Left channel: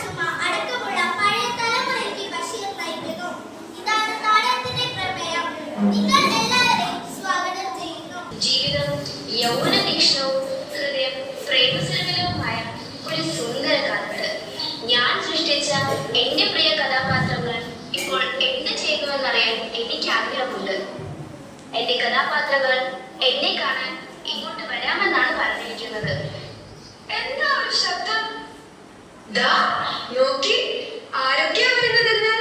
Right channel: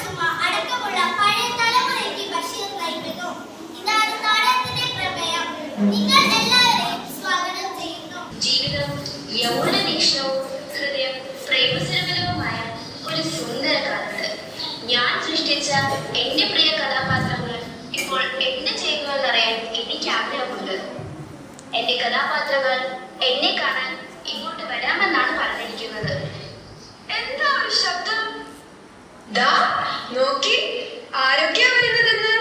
ചുമ അടക്കമുള്ള പഴയ തലമുറയ്ക്ക് ബഷീർ നൽകുന്നു. ഇതാണ് നാടകത്തിന്റെ പ്രമേയം. നിങ്ങൾ എല്ലാവരെയും സ്വാഗതം ചെയ്യുന്നു. ജീവിതം യൗവന വീക്ഷണവും ഹൃദയം പ്രേമസരമലവുമായ ഒരു സുന്ദര കാലത്ത് ഞാൻ സൃഷ്ടിച്ച എന്റെ പ്രിയ കഥാപാത്രങ്ങൾ ഇപ്പോൾ എന്ത് ചെയ്യുന്നുവെന്നറിയാൻ എനിക്ക് ആഗ്രഹമുണ്ട്. എന്റെ കഥാപാത്രങ്ങൾ എന്നെ കാണാൻ ഇങ്ങോട്ട് വരാമെന്നാണ് പറഞ്ഞിരിക്കുന്നത്. എന്താ ഒരു ശബ്ദം? ദാ നോക്കി, ആരൊക്കെയാ വരുന്നതെന്ന്.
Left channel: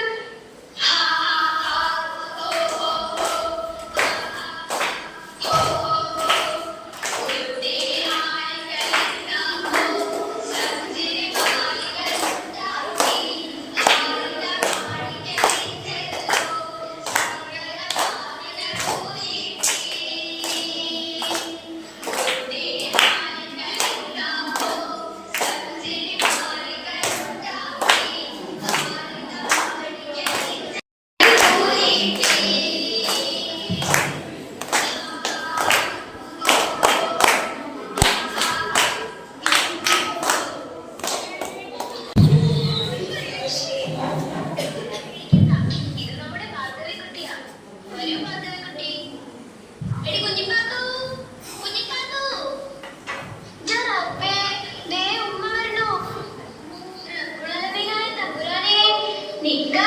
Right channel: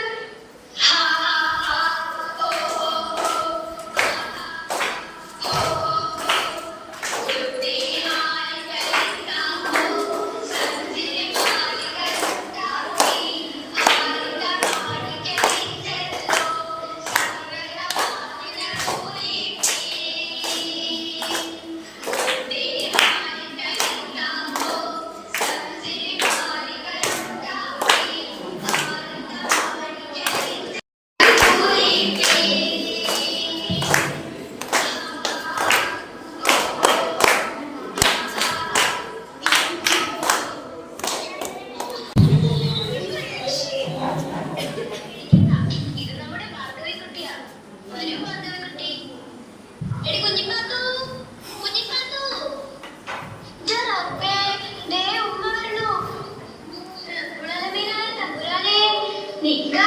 നിക്കാ